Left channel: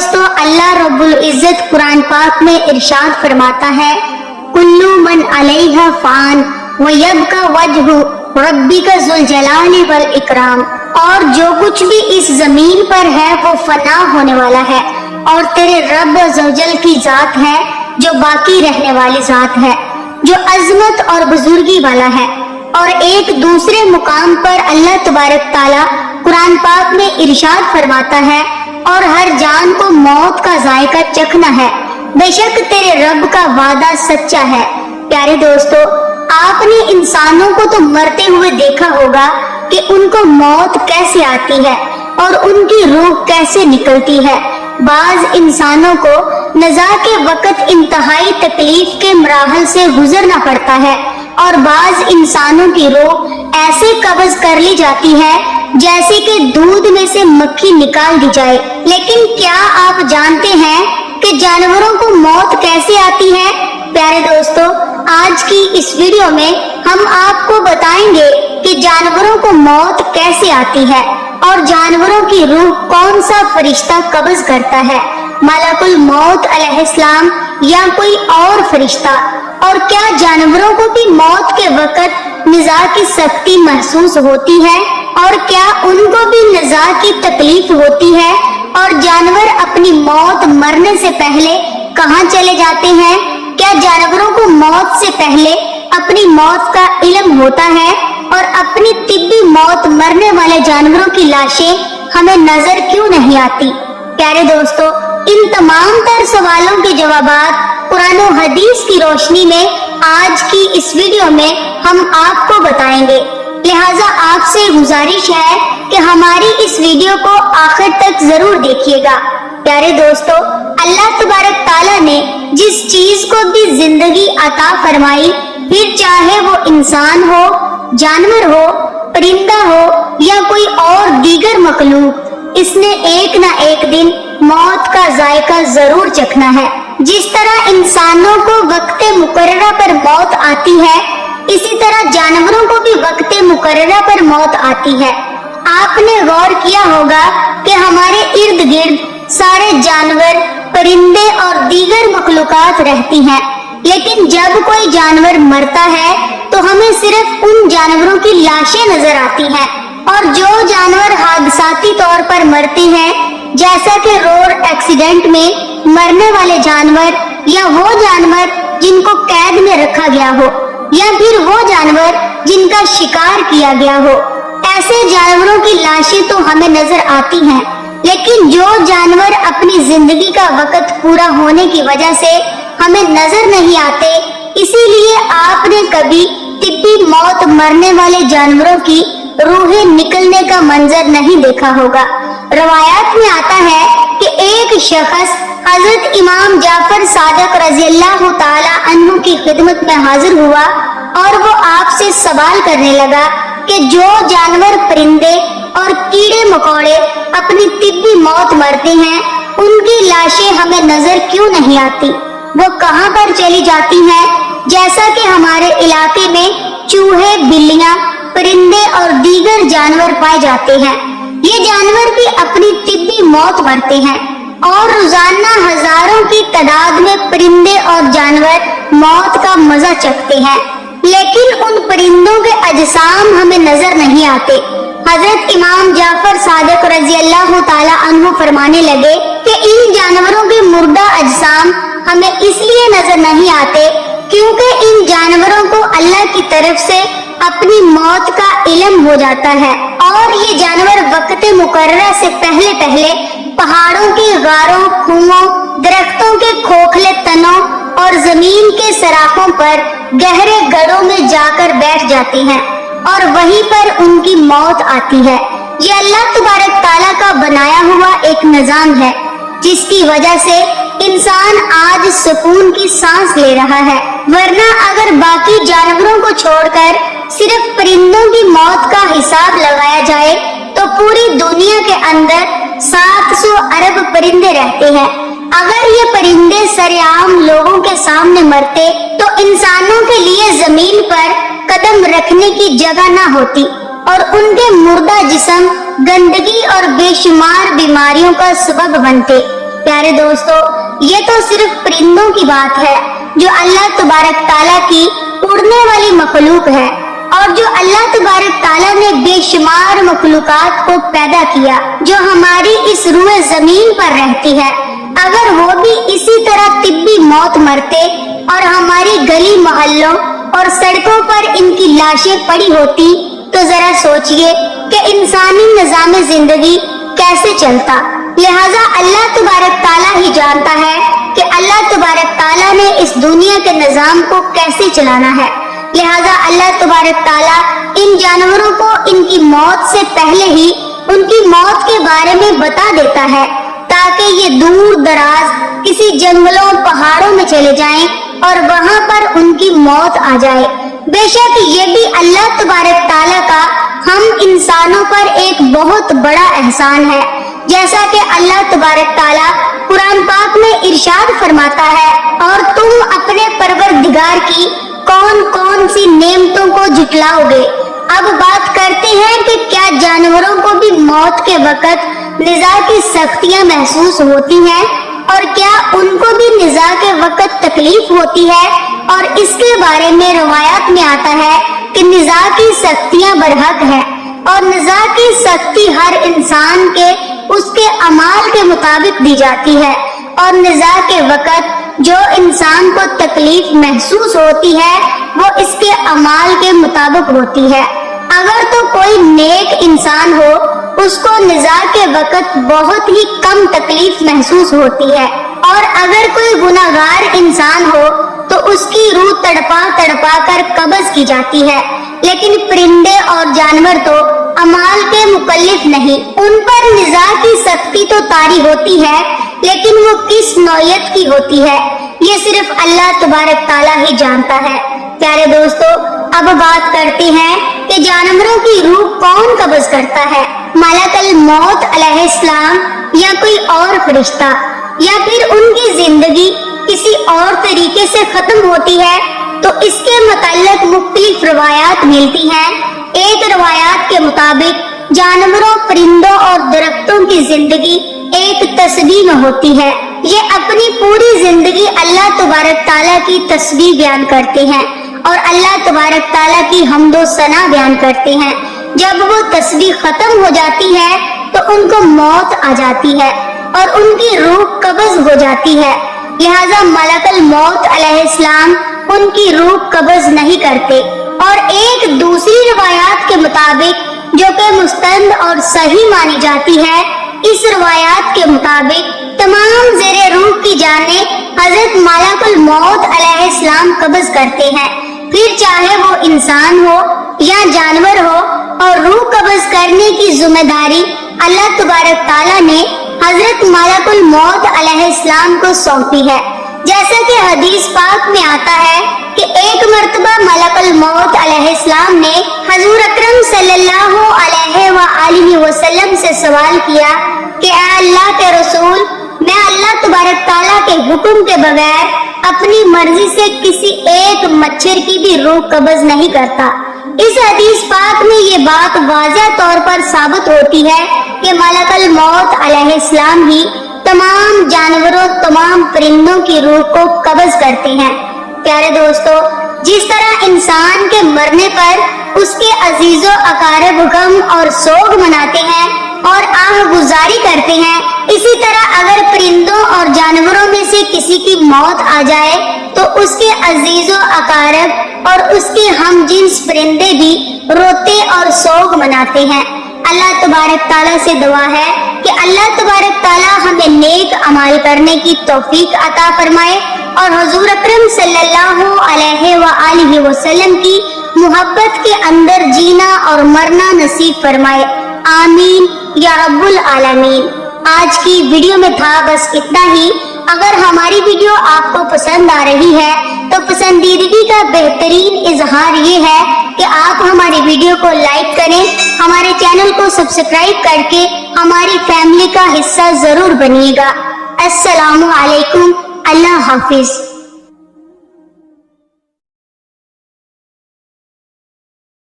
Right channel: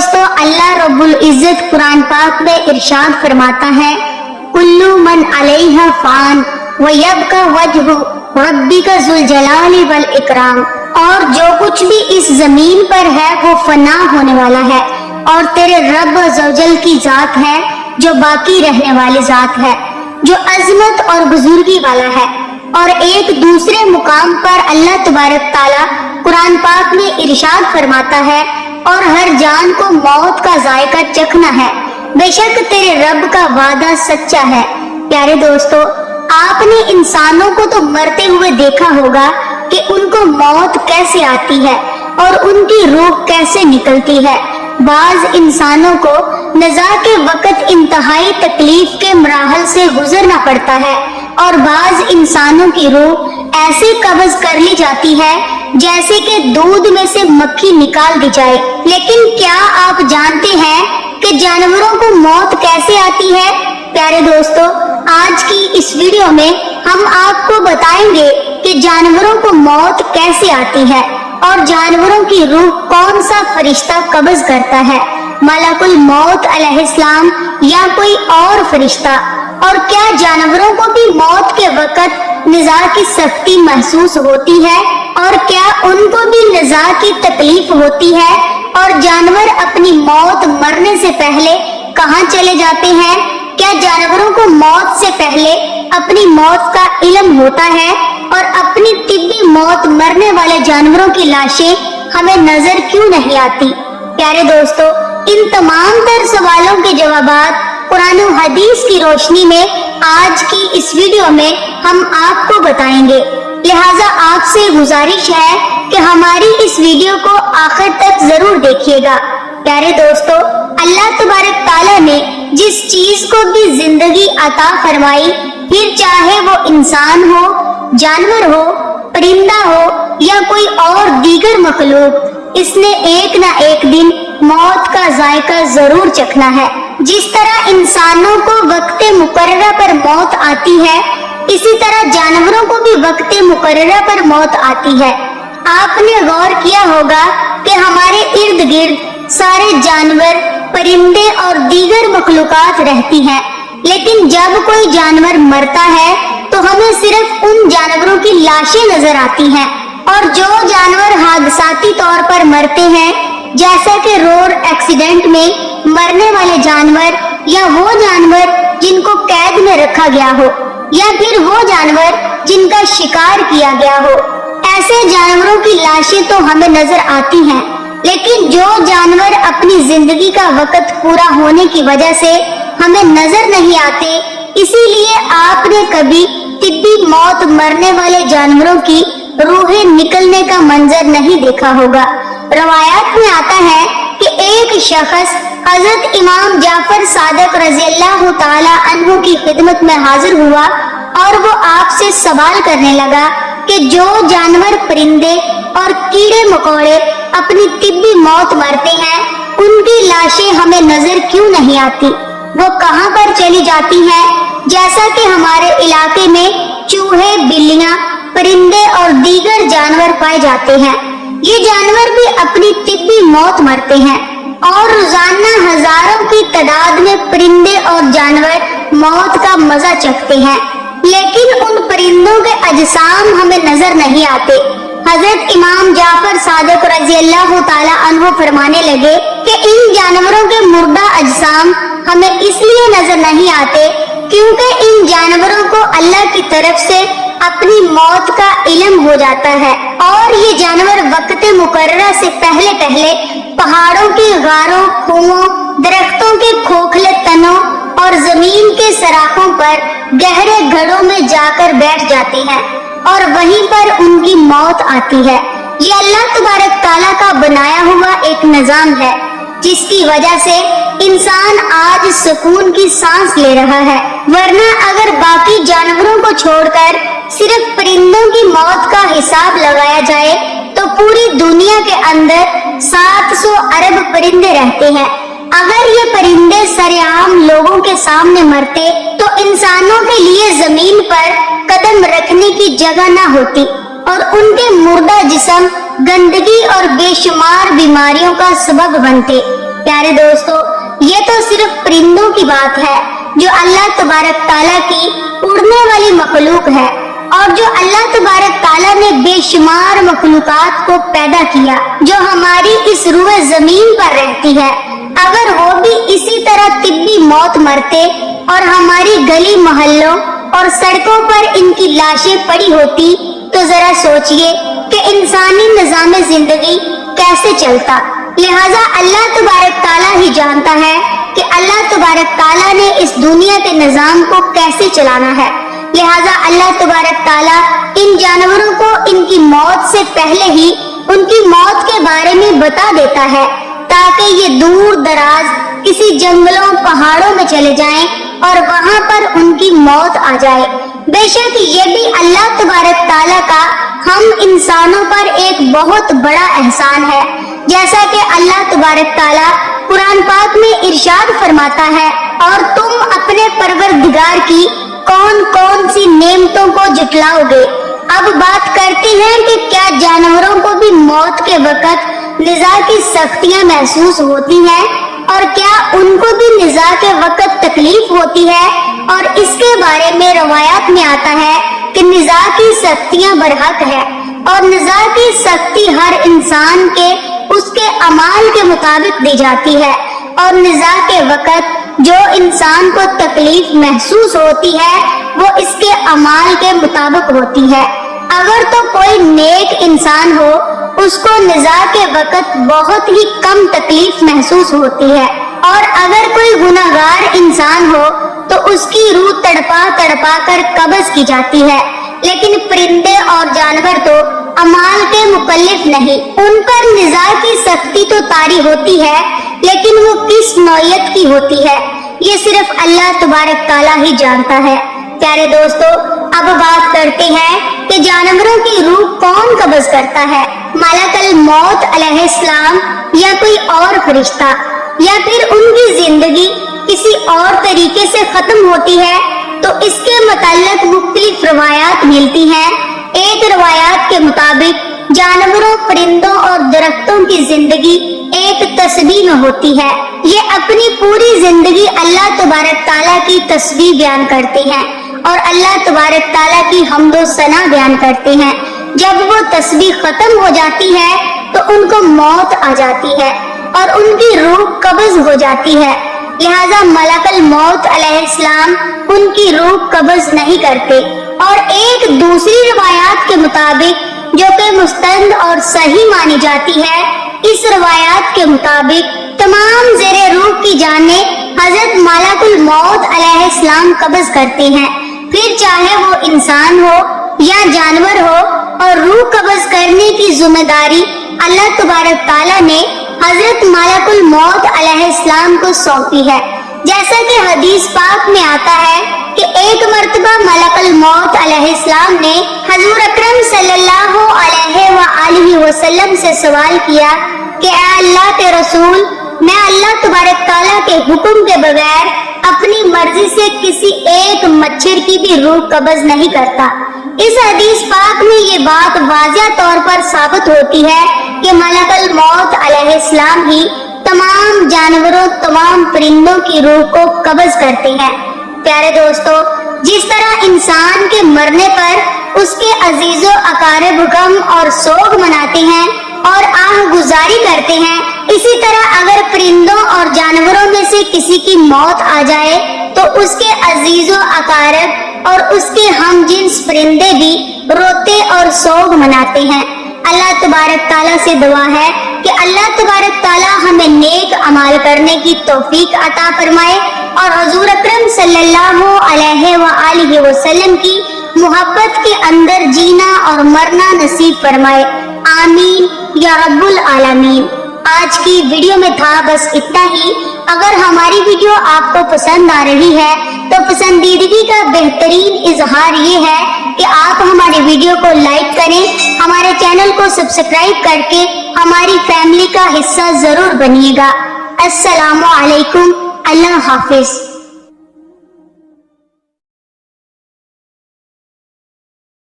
दोस्तों, अल्लाह रब्बुल इज्जत कुरान पाक में इरशाद फरमाता है, कुल्लु मन अलैहा फान व यबका वजहु रब्बिका जुल जलाली वल इकराम। और जो कुछ भी इस जमीन पर है वो फना होने वाला है और तेरे रब अज़्ज़वजल की जात है जो बाकी रहने वाली जात है, जो अजमत और बुजुर्गी वाला है। और एक दूसरे मुकाम पर अल्लाह तबारक ताला कुरान पाक में इरशाद फरमाता है, और हर जान को मौत का जायका चखना है, बेशक तेरे रब का वादा सच्चा है। प्यारे दोस्तों, आपने इंसानों को तो मरते हुए देखा होगा कि उनको मौत कैसे आती है और उनकी रूह कैसे निकलती है। बाज इंसानों को नज़ा के वक़्त इंतहाई तकलीफ के मराहल से गुजरना पड़ता है और बाज इंसानों की रूह ऐसे कब्ज कर ली जाती है जैसे कि दूध में से मक्खी निकाल दी जाए। लेकिन क्या आप जानते हैं कि जानवरों को मौत कैसे आती है? प्यारे दोस्तों, आज की इस वीडियो में हम आपको बताएंगे कि जानवरों को मौत कैसे आती है और जानवरों की रूह कौन सा फरिश्ता कब्ज करता है, मलकुल मौत अलैहिस्सलाम या कोई और फरिश्ता। और क्या जानवरों को भी मौत के वक़्त निज़ा की सख्ती महसूस होती है और क्या उनको भी निज़ा की तकलीफ होती है, और जानवर अपनी मौत मरने से पहले कहाँ चले जाते हैं? क्या जानवरों को मौत से पहले अपनी मौत का इल्म होता है और अपनी तिब्बी मौत मरने वाले जानवरों की लाशें हमें नजर क्यों नहीं आती? प्यारे दोस्तों, इन तमाम तर सवालों के जवाबात कुरान और हदीस की रोशनी में आज की इस वीडियो में हम आपको बताएंगे। लिहाजा आपसे गुजारिश है कि हमारी इस वीडियो को आखिर तक जरूर देखिएगा। प्यारे दोस्तों, अल्लाह तबारक ताला ने जिस चीज को भी जिंदगी अता फरमाई, फिर चाहे वो इंसान हो, जानवर हो, परिंदा हो या कोई और दीगर मखलूक, इसने एक ना एक दिन मौत का जायका जरूर चखना है। जिस तरह इंसानों को वक्ते मुकर्ररा पर मौत आती है, इसी तरह जानवरों को भी वक्ते मुकर्ररा पर मौत आती है। आपने गौर किया होगा कि हमारे इर्द गिर्द सारे जानवर, परिंदे और दीगर मखलूकात रहती हैं, लेकिन जब कोई जानवर मरता है तो हमें सिर्फ उन जानवरों की लाशें नजर आती हैं। और जो जानवर हादसाती तौर पर मरते हैं, जैसा कि रोड एक्सीडेंट में मरने वाले जानवर, या वो जानवर जिनको कैद में रखा गया हो, या फिर वो जानवर जिनका शिकार किया गया हो, ऐसे जानवरों की लाशें तो हमें नजर आती हैं। लेकिन जो जानवर अपनी जिंदगी का वक्त पूरा होने की वजह से हमें नजर नहीं आते, इसीलिए आपने कभी तिब्बी मौत मरने वाले जानवरों की रूहें निकलने का मंजर नहीं देखा होगा। रवायात में आता है कि एक शख्स हजरत इमाम जाफर सादिक रज़ियल्लाहु ताला अन्हु की खिदमत में हाजिर हुआ और वो आपसे सवाल करने लगा कि जो जानवर, परिंदे और कीड़े मकोड़े अपनी तिब्बी मौत मरते हैं, उनकी लाशें हमें नजर क्यों नहीं आती? वो कहाँ पर चली जाती हैं? जैसा कि हमारे इलाके में चूहे, बिल्लियां, परिंदे और दीगर जानवर पाए जाते हैं, ये जानवर भी अपनी तिब्बी मौत मरते हैं और रोजाना हजारों की तादाद में परिंदे और जानवर मौत का मजा चखते हैं। लेकिन उन परिंदों के अजसाम हमें नजर नहीं आते। हजरत इमाम जाफर सादिक रज़ियल्लाहु ताला अन्हु फरमाने लगे कि इन जानवरों के मुर्दा अजसाम हमें इसलिए नजर नहीं आते क्योंकि इन जानवरों को अल्लाह की तरफ से अपनी मौत का इल्म हो जाता है और ये जानवर वक्ते मुकर्ररा से पहले पहले पहाड़ों के गारों, कुओं, दरख्तों के खोखले तनों और जमीन के सराखों पर गहरे घड़ों में जाकर बैठ जाते हैं और वहीं पर उनकी मौत आती है। ये अल्लाह तबारक ताला का बनाया हुआ एक निजाम है जिसकी वजह से इंसान आज सुकून की सांस ले रहा है। वरना अगर बाकी जानवरों को छोड़कर सिर्फ परिंदों की मौत का हिसाब लगाया जाए तो पूरी दुनिया के अंदर 700 अरब परिंदे रहते हैं। अगर ये परिंदे सरेआम लोगों के सामने मरते तो इंसानों के लिए जमीन पर कदम रखने की जगह न होती और उनके मुर्दा जिस्म गंदगी और बेशुमार बीमारियों का सबब बनते। پیارے دوستو، یہ تو صرف پرندوں کی بات ہے جو اللہ تبارک تعالیٰ کی اڑنے والی مخلوق ہے، اور جو اللہ تبارک تعالیٰ نے بے شمار مخلوقات کو پیدا کیا جو ہماری اس روئے زمین پر رہتی ہے، اگر وہ بھی اسی طرح طبی موت مرتے اور ہماری گلی محلوں اور سڑکوں پر ان کی لاشیں پڑی ہوتی تو ذرا سوچئے کہ انسانی نظام زندگی کیسے چلتا۔ لہٰذا اللہ تبارک تعالیٰ ہی جانتا ہے کہ اللہ تبارک تعالیٰ نے اس دنیا کے نظام کو کیسے چلانا ہے۔ لہٰذا اللہ تبارک تعالیٰ ان جانوروں کو ان کی موت سے پہلے ہی ان کی موت کے بارے میں بتا دیتا ہے تاکہ یہ دور دراز کسی جنگلوں پہاڑوں میں چلے جائیں اور وہاں پر ان کی موت آ جائے۔ بے شک یہ بھی اللہ تبارک تعالیٰ کا ہم انسانوں پر ایک بہت بڑا احسان ہے، جیسا کہ اللہ تبارک تعالیٰ قرآن پاک میں ارشاد فرماتا ہے، اور تم اپنے پروردگار کی کون کون سی نعمتوں کو جھٹلاؤ گے۔ اب بات کرتے ہیں کہ کیا جانوروں کو بھی موت کے وقت نزاع کی سختیاں محسوس ہوتی ہیں، اور کیا ان کو بھی نزاع کے وقت تکلیف ہوتی ہے؟ اور اس کے بارے میں روایات میں آتا ہے کہ نزاع کی سختیاں برحق ہے، اور نزاع کی سختی ہر انسان کے اس کے اعمال کے مطابق دی جاتی ہے، اور نزاع کے وقت جو انسان کو تکلیف محسوس ہوتی ہے وہ اس کے اعمال کے مطابق ہوتی ہے۔ اگر تو کوئی نیک انسان ہو اس کو نزاع کے وقت بہت ہی کم تکلیف محسوس ہوتی ہے، اور اگر کوئی گناہگار انسان ہو تو اس کی روح تڑپا تڑپا کر قبض کی جاتی ہے۔ لیکن پرندے اور جانور تو اعمال کے مکلف نہیں، ان پر نزاع کی سختی تو طاری ہوتی ہے، لیکن وہ کس نوعیت کی ہوتی ہے یہ صرف اللہ تبارک تعالیٰ ہی جانتا ہے۔ پیارے دوستو، اب بات کرتے ہیں کہ جانوروں کی روح کون قبض کرتا ہے، ملک الموت علیہ السلام یا کوئی اور فرشتہ، یا پھر ان کی زندگی کسی اور طریقے سے ختم ہوتی ہے؟ تو اس کے متعلق مختلف روایات ملتی ہیں۔ ایک روایات کے مطابق جانوروں، پرندوں اور درختوں کی زندگی ایک تسبیح میں ہوتی ہے، یہ اپنی پوری زندگی اللہ تبارک تعالیٰ کی تسبیح بیان کرتی ہیں اور اللہ تبارک تعالیٰ کی حمد و ثنا بیان کرتے ہیں۔ جب وہ تسبیح ختم ہو جاتی ہے تو ان کو موت آ جاتی ہے اور ان کی روح قبض ہو جاتی ہے، لہذا ملک الموت علیہ السلام ان کی روح قبض نہیں کرتے۔ اور ایک دوسری روایات کے مطابق جو کہ مستند اور صحیح مانی جاتی ہے، اس روایات کے مطابق تمام زیر روح کی جانیں حضرت ملک الموت علیہ السلام قبض کرتے ہیں، پھر چاہے وہ انسان ہو یا جانور ہو، اور روح قبض کرنے کی ذمہ داری اللہ تبارک تعالیٰ نے حضرت ملک الموت علیہ السلام کو سونپی ہے۔ جیسا کہ حدیث پاک میں آتا ہے کہ ایک مرتبہ ملک الموت علیہ السلام نے حضور اکرم صلی اللہ علیہ وآلہ وسلم سے سوال کیا کہ اے اللہ کے رسول، میں اللہ تبارک تعالیٰ کے حکم کے بغیر اپنی مرضی سے کسی ایک مچھر کی بھی روح قبض نہیں کرتا۔ اس حدیث پاک میں یہ بات واضح طور پر ثابت ہوتی ہے کہ ملک الموت علیہ السلام ہی تمام جانوروں، تمام پرندوں کی روح کو قبض کرتے ہیں۔ پیارے دوستو، جس طرح انسان کے مرنے پر اس کے عزیز و اقارب غم اور سوگ مناتے ہیں اور آہ گزاری کرتے ہیں، اسی طرح اگر پرندوں اور جانوروں میں سے کسی کی موت آ جائے تو اس کے عزیز و اقارب اور اس کے ہم جنس پرندے بھی روتے اور سوگ مناتے ہیں۔ اللہ تبارک تعالیٰ سے دعا ہے کہ اللہ تبارک تعالیٰ ہمیں نیک عمل کرنے کی توفیق عطا فرمائے اور حضور اکرم صلی اللہ علیہ وآلہ وسلم کی محبت کے اندر جینا اور مرنا نصیب فرمائے، آمین یا رب العالمین۔ آج کی ویڈیو میں تھا بس اتنا ہی۔ اگر ہماری ویڈیو آپ کو پسند آ رہی ہے تو پسندیدگی کا بہترین اظہار یہ ہے کہ آپ ہماری ویڈیو کو لائک کریں، ہمارے چینل کو سبسکرائب کر کے ہماری فیملی کا حصہ ضرور بنیے گا۔ السلام علیکم، اللہ حافظ۔